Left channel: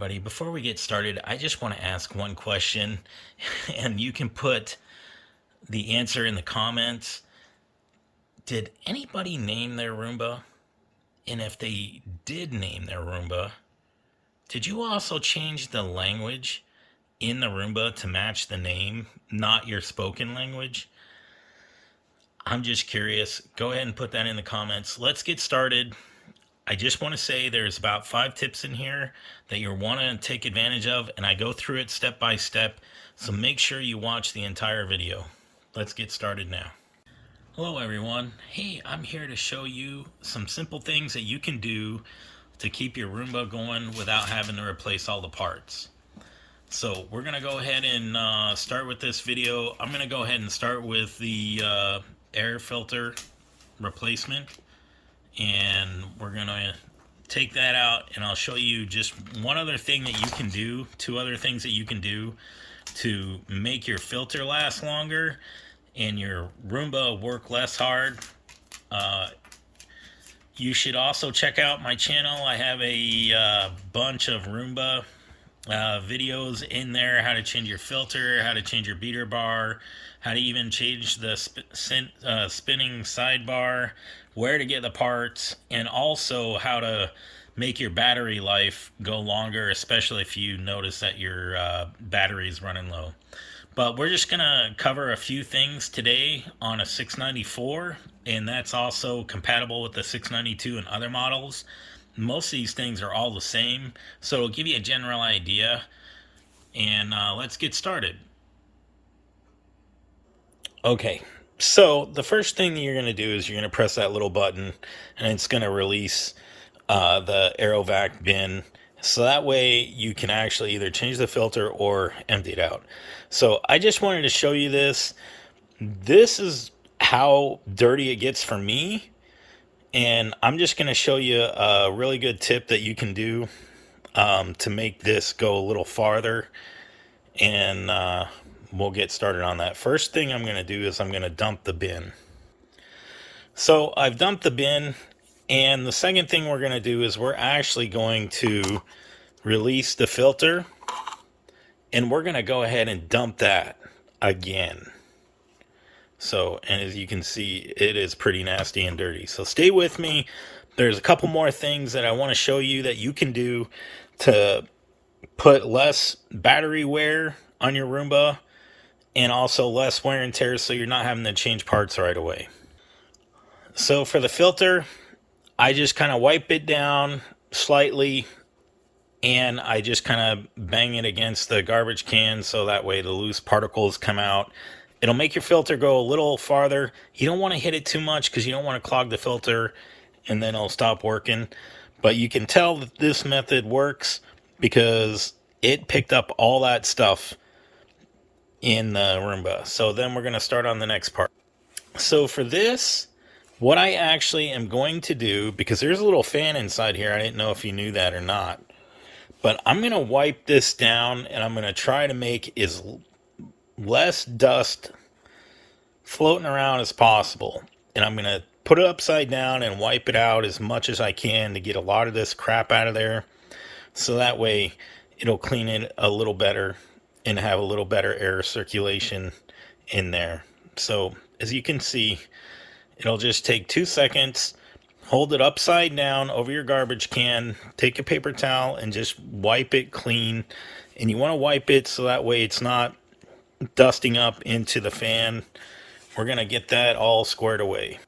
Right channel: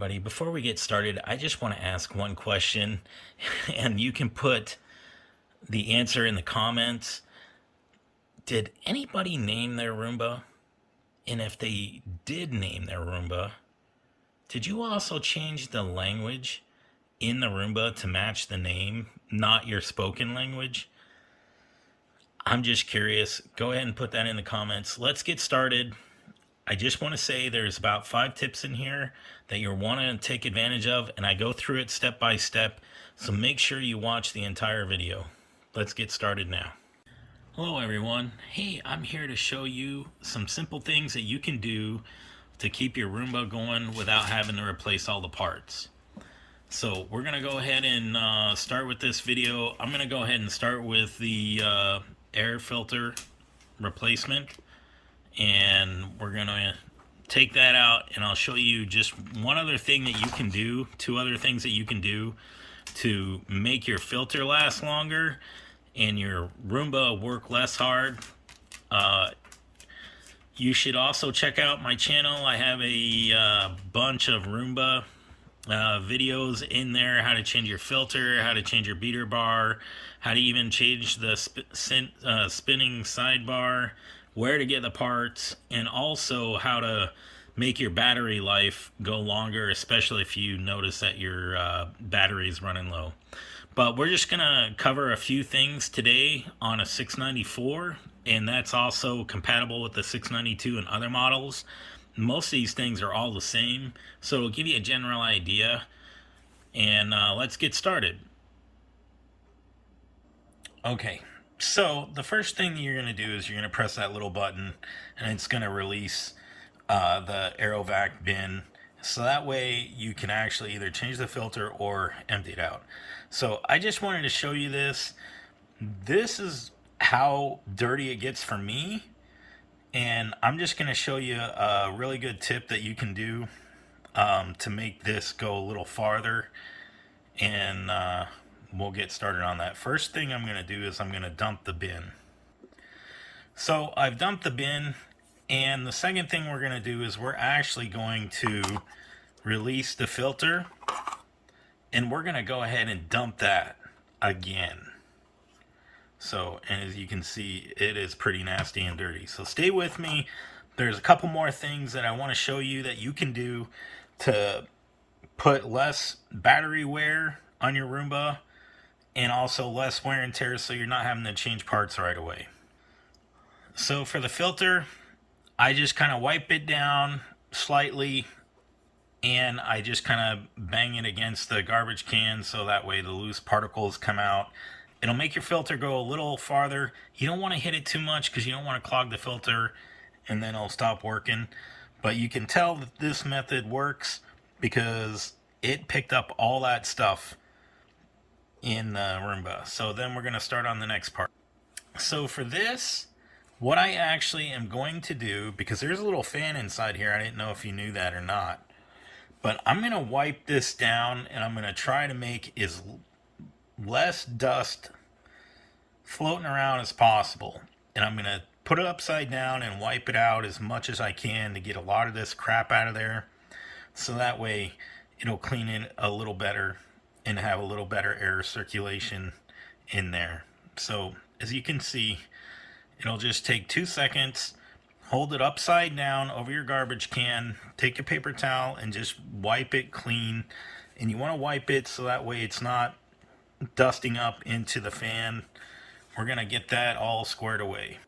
everybody. Before we get started, I just want to ask one question, and you can put the answer in the comments. Did anybody name their Roomba? And if they did name their Roomba, did you also change the language in the Roomba to match the name, not your spoken language? I'm just curious. Go ahead and put that in the comments. Let's get started. I just want to say there's about 5 tips in here that you'll want to take advantage of, and I go through it step by step, so make sure you watch the entire video. Let's get started now. Hello everyone. Hey, I'm here to show you some simple things that you can do to keep your Roomba going without having to replace all the parts. So we're going to go ahead and start with this video. I'm going to go ahead and start with the air filter replacement. And we're going to take that out, and I'll show you just one other thing that you can do, 2 other things that you can do to make your filter last longer and your Roomba work less hard. You should also check out my channel. I have a bunch of Roomba videos in there, how to change your filter, how to change your beater bar, how to even change the spinning sidebar, where to get the parts, and also how to make your battery life go longer, especially if you notice that your battery is running low. But we're just going to cover a few things today on a 694, and that's also compatible with the 692 and other models. Most of these things are all the same, so it'll give you a general idea, and let's get started. Okay. So the first thing that you're going to do is you're going to press that little button, and it's going to release the AeroVac bin. So that way you can actually either change the filter or empty it out. So I just wanted to show you this. This is how dirty it gets for me. And I'm just going to show you a really good tip that you can do to make this go a little farther. And we'll get started on that. First thing I'm going to do is I'm going to dump the bin. So I've dumped the bin, and the second thing we're going to do is we're actually going to release the filter, and we're going to go ahead and dump that again. So, and as you can see, it is pretty nasty and dirty. So stay with me. There's a couple more things that I want to show you that you can do to put less battery wear on your Roomba, and also less wear and tear, so you're not having to change parts right away. So for the filter, I just kind of wipe it down slightly, and I just kind of bang it against the garbage can so that way the loose particles come out. It'll make your filter go a little farther. You don't want to hit it too much because you don't want to clog the filter and then it'll stop working. But you can tell that this method works because it picked up all that stuff in the Roomba. So then we're going to start on the next part. So for this, what I actually am going to do, because there's a little fan inside here, I didn't know if you knew that or not, but I'm going to wipe this down, and I'm going to try to make as less dust floating around as possible. And I'm going to put it upside down and wipe it out as much as I can to get a lot of this crap out of there, so that way it'll clean it a little better and have a little better air circulation in there. So as you can see, it'll just take 2 seconds. Hold it upside down over your garbage can, take a paper towel and just wipe it clean. And you want to wipe it so that way it's not dusting up into the fan. We're going to get that all squared away.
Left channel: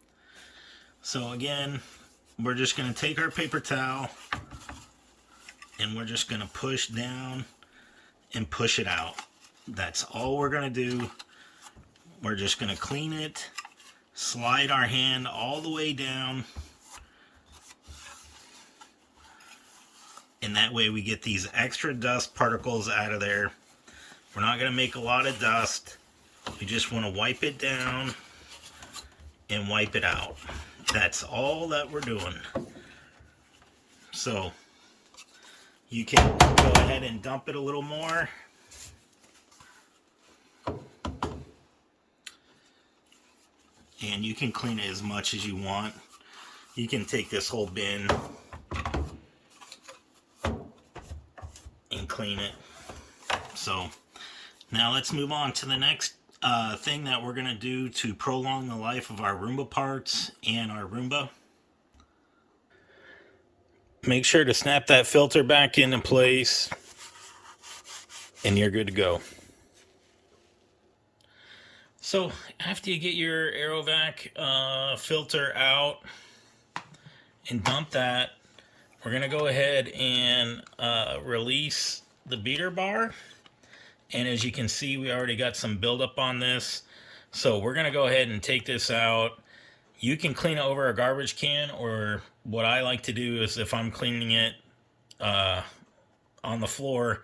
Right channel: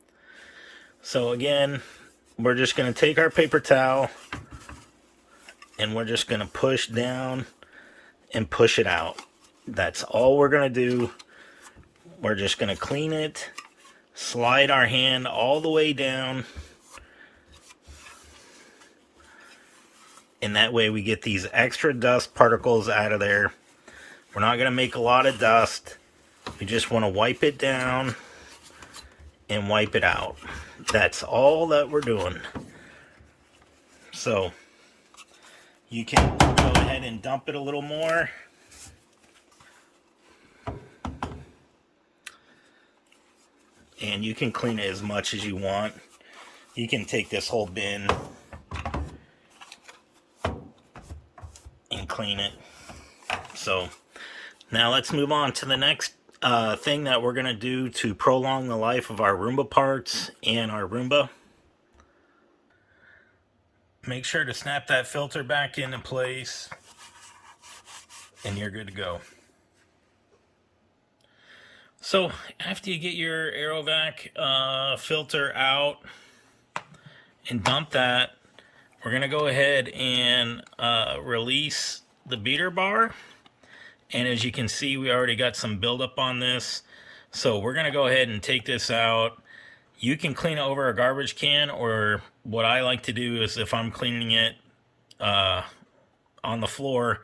So again, we're just going to take our paper towel and we're just going to push down and push it out. That's all we're going to do. We're just going to clean it, slide our hand all the way down, and that way we get these extra dust particles out of there. We're not going to make a lot of dust. You just want to wipe it down and wipe it out. That's all that we're doing. So you can go ahead and dump it a little more. And you can clean it as much as you want. You can take this whole bin clean it. So now let's move on to the next thing that we're going to do to prolong the life of our Roomba parts and our Roomba. Make sure to snap that filter back into place and you're good to go. So after you get your AeroVac filter out and dump that, we're going to go ahead and release the beater bar. And as you can see, we already got some buildup on this. So we're going to go ahead and take this out. You can clean it over a garbage can, or what I like to do is if I'm cleaning it on the floor,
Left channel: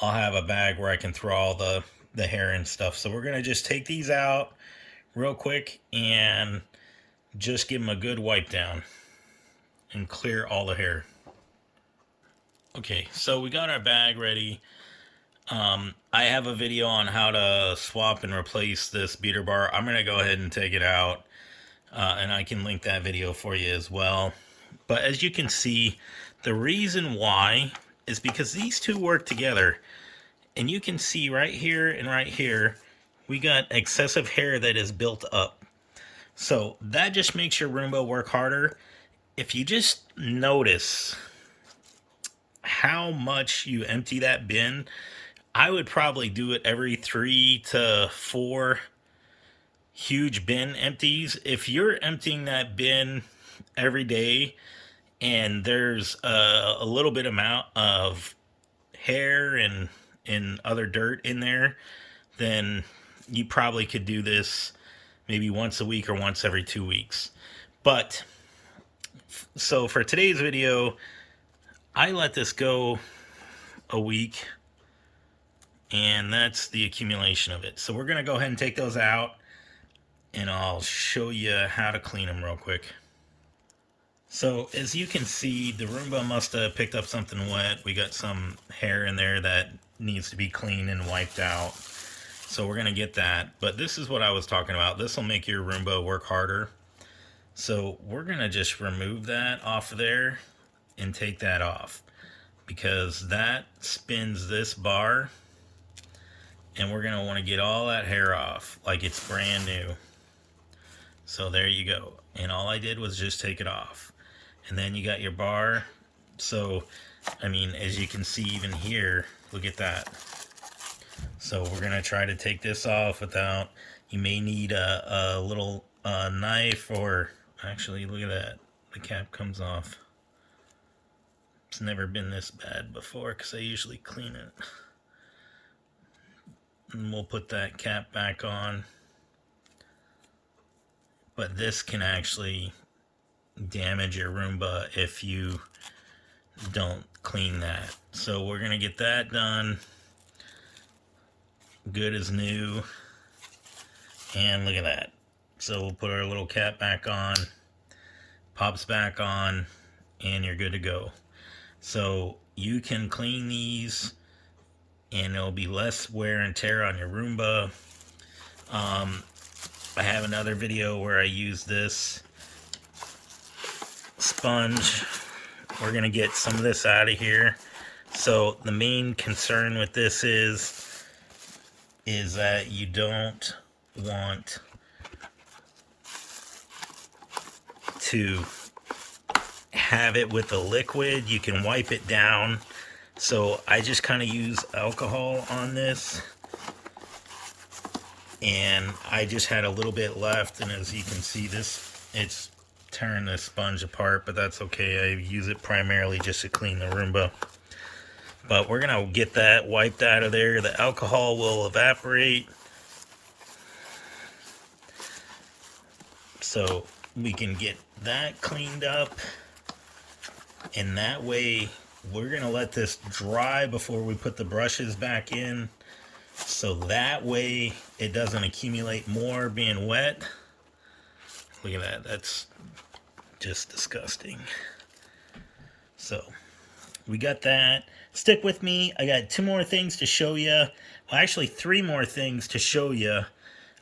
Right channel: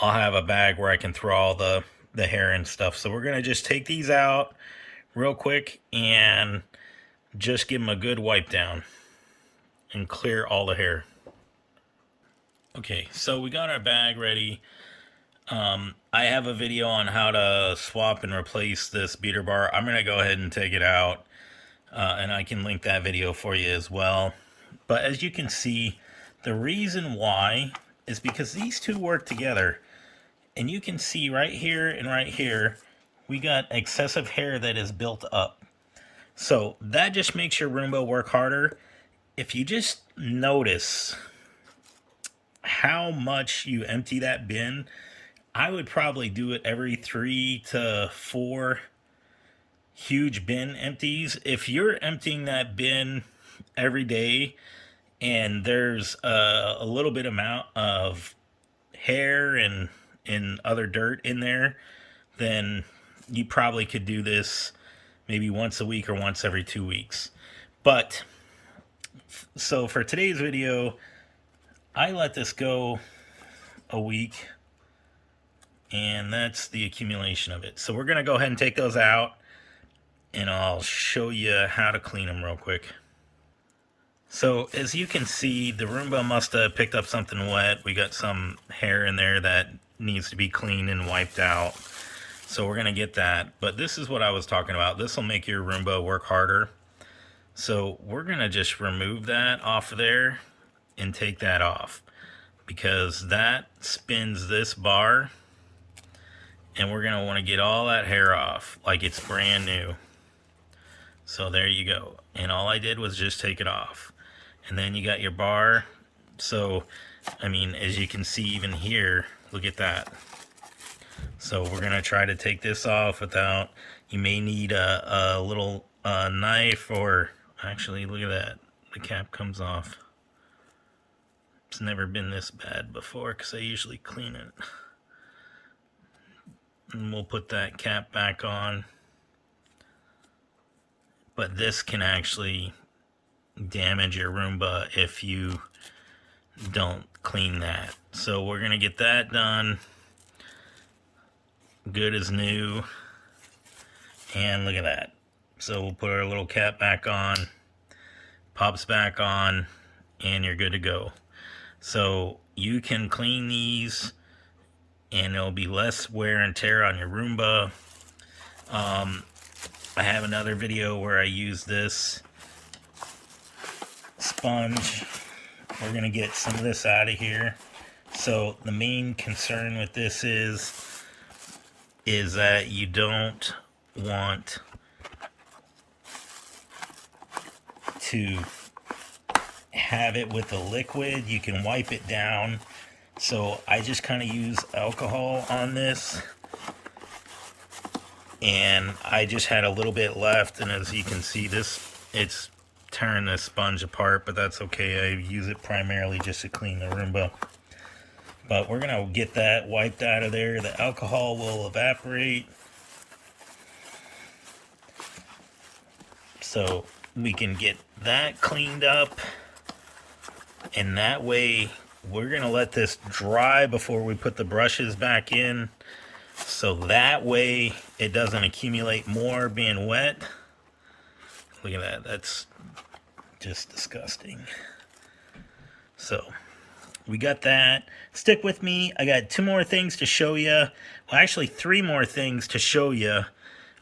I'll have a bag where I can throw all the hair and stuff. So we're going to just take these out real quick and just give them a good wipe down and clear all the hair. Okay, so we got our bag ready. I have a video on how to swap and replace this beater bar. I'm going to go ahead and take it out, and I can link that video for you as well. But as you can see, the reason why is because these two work together. And you can see right here and right here, we got excessive hair that is built up. So that just makes your Roomba work harder. If you just notice how much you empty that bin, I would probably do it every 3 to 4 huge bin empties. If you're emptying that bin every day and there's a little bit amount of hair and other dirt in there, then you probably could do this maybe once a week or once every 2 weeks. But so for today's video, I let this go a week, and that's the accumulation of it. So we're going to go ahead and take those out, and I'll show you how to clean them real quick. So as you can see, the Roomba must have picked up something wet. We got some hair in there that needs to be cleaned and wiped out. So we're going to get that. But this is what I was talking about. This will make your Roomba work harder. So we're going to just remove that off of there and take that off, because that spins this bar, and we're going to want to get all that hair off like it's brand new. So there you go. And all I did was just take it off. And then you got your bar. So, I mean, as you can see even here, look at that. So we're going to try to take this off without, you may need a little knife, or actually, look at that. The cap comes off. It's never been this bad before because I usually clean it. And we'll put that cap back on. But this can actually damage your Roomba if you don't clean that. So we're going to get that done. Good as new. And look at that. So we'll put our little cap back on. Pops back on. And you're good to go. So you can clean these, and there'll be less wear and tear on your Roomba. I have another video where I use this sponge. We're going to get some of this out of here. So the main concern with this is that you don't want to have it with the liquid. You can wipe it down. So I just kind of use alcohol on this, and I just had a little bit left, and as you can see, this, it's tearing the sponge apart, but that's okay. I use it primarily just to clean the Roomba. But we're gonna get that wiped out of there. The alcohol will evaporate, so we can get that cleaned up, and that way we're gonna let this dry before we put the brushes back in, so that way it doesn't accumulate more being wet. Look at that, that's just disgusting. So we got that. Stick with me. I got 2 more things to show you. Well, actually 3 more things to show you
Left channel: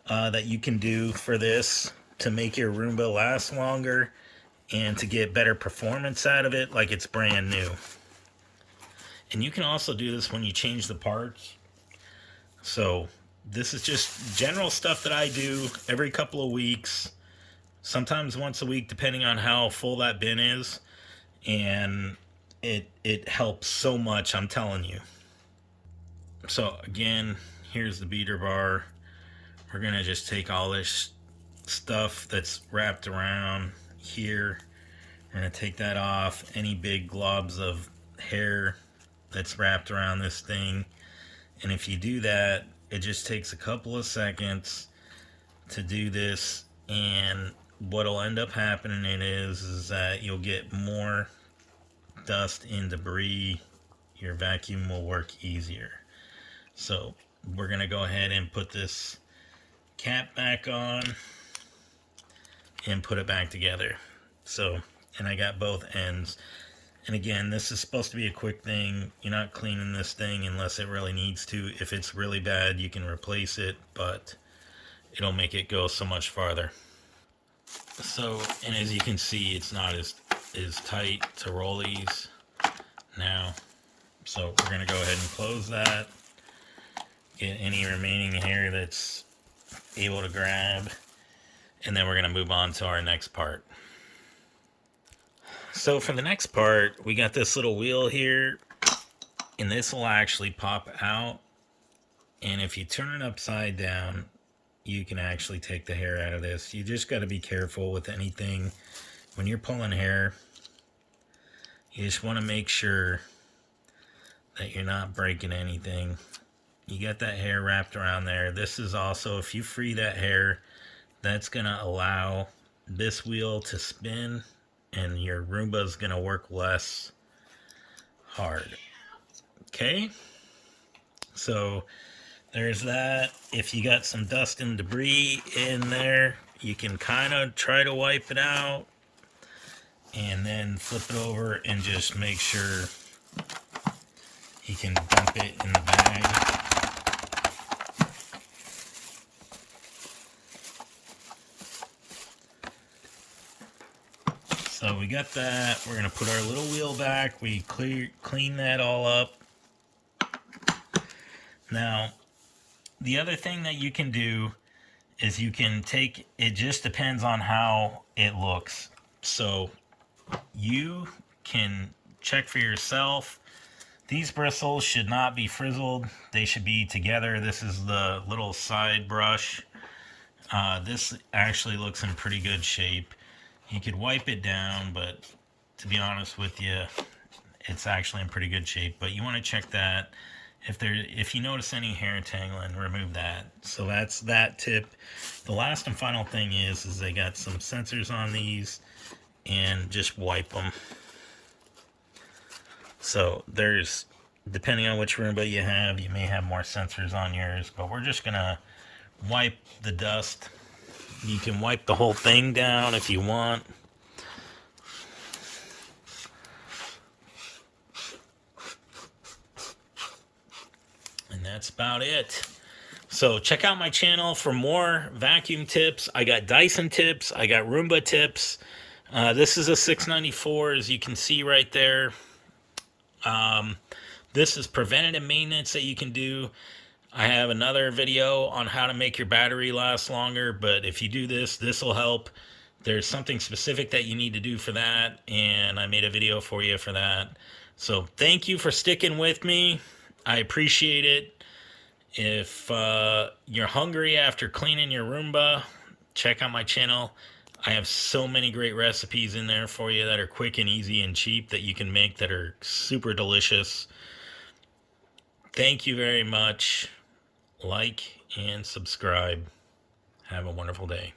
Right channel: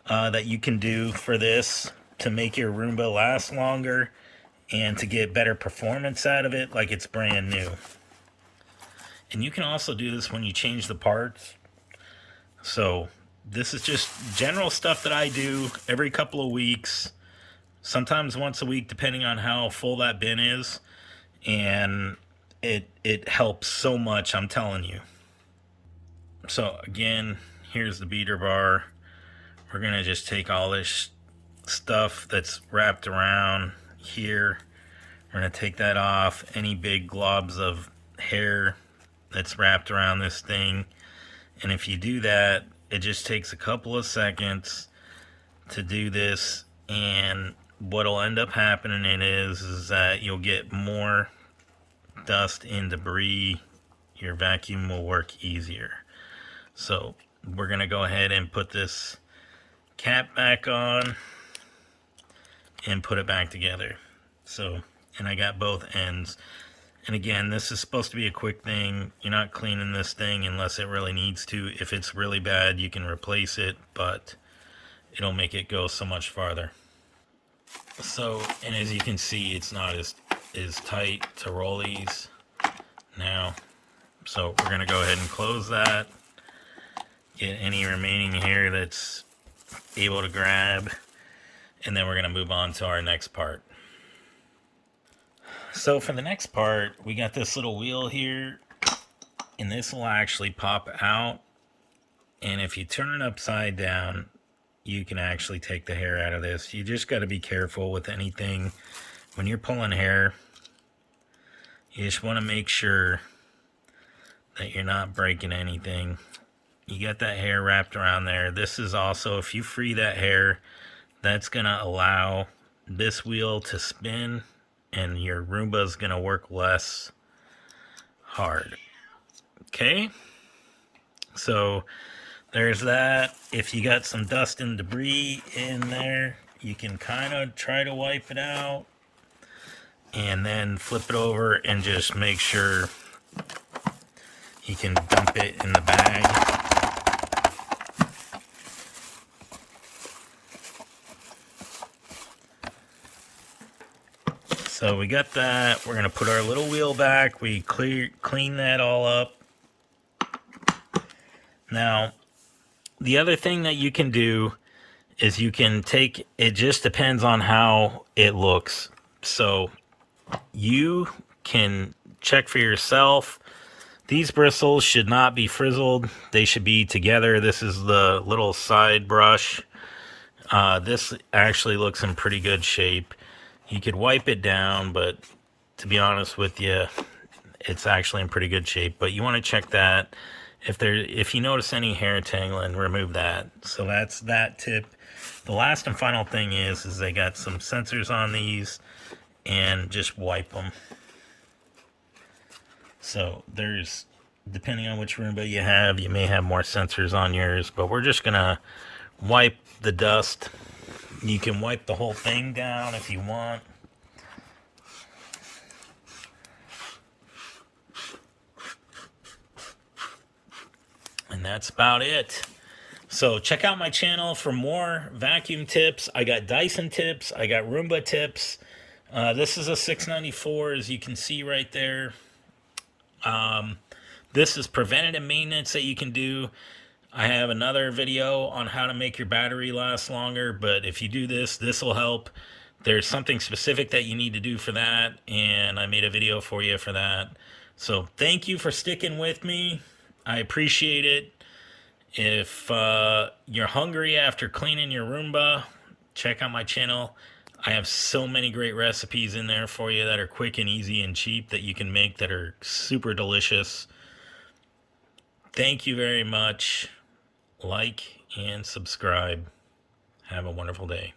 that you can do for this to make your Roomba last longer and to get better performance out of it like it's brand new. And you can also do this when you change the parts. So this is just general stuff that I do every couple of weeks, sometimes once a week, depending on how full that bin is. And it helps so much, I'm telling you. So again, here's the beater bar. We're gonna just take all this stuff that's wrapped around here. We're gonna take that off. Any big globs of hair that's wrapped around this thing. And if you do that, it just takes a couple of seconds to do this, and what'll end up happening is that you'll get more dust and debris. Your vacuum will work easier. So we're gonna go ahead and put this cap back on and put it back together. So, and I got both ends. And again, this is supposed to be a quick thing. You're not cleaning this thing unless it really needs to. If it's really bad, you can replace it, but it'll make it go so much farther. So, and as you can see, it's not as tight to roll these now. So we're gonna go ahead and close that. Get any remaining hair that's able to grab. And then we're gonna move on to our next part. So for the next part, we got this little wheel here, and this will actually pop out. And if you turn it upside down, you can actually take the hair out of this. You just got to be careful with anything. When you're pulling hair, you just want to make sure that you're not breaking anything. You got that hair wrapped around there. This is also, if you free that hair, that's going to allow this wheel to spin, and your Roomba is going to work less hard. Okay? So there's that. If you got some dust and debris in there, you can kind of try to wipe it out and then flip it over and just make sure you can dump it in the bag. So we got that. We're gonna put our little wheel back. We clean that all up. Now, the other thing that you can do is you can take, it just depends on how it looks. So you can check for yourself. These bristles should not be frizzled. They should be together. This is the little side brush. This actually looks in pretty good shape. You could wipe it down, but to be honest with you, it's actually in pretty good shape. But you want to check that. If you notice any hair tangling, remove that. So that's that tip. The last and final thing is they got some sensors on these, and just wipe them. So there's, depending on which Roomba you have, you may have more sensors on yours, but we're just gonna wipe the dust. You can wipe the whole thing down if you want. And that's about it. So check out my channel for more vacuum tips. I got Dyson tips. I got Roomba tips. This is a 694, as you can see right there. This is preventative maintenance that you can do. I have another video on how to make your battery last longer, but if you do this, this will help. There's something specific that you need to do for that, and I made a video for you for that. So thank you for sticking with me. I appreciate it. If you're hungry after cleaning your Roomba, check out my channel. I have so many great recipes in there for you that are quick and easy and cheap that you can make that are super delicious. Thank you very much. Like and subscribe. Have a wonderful day.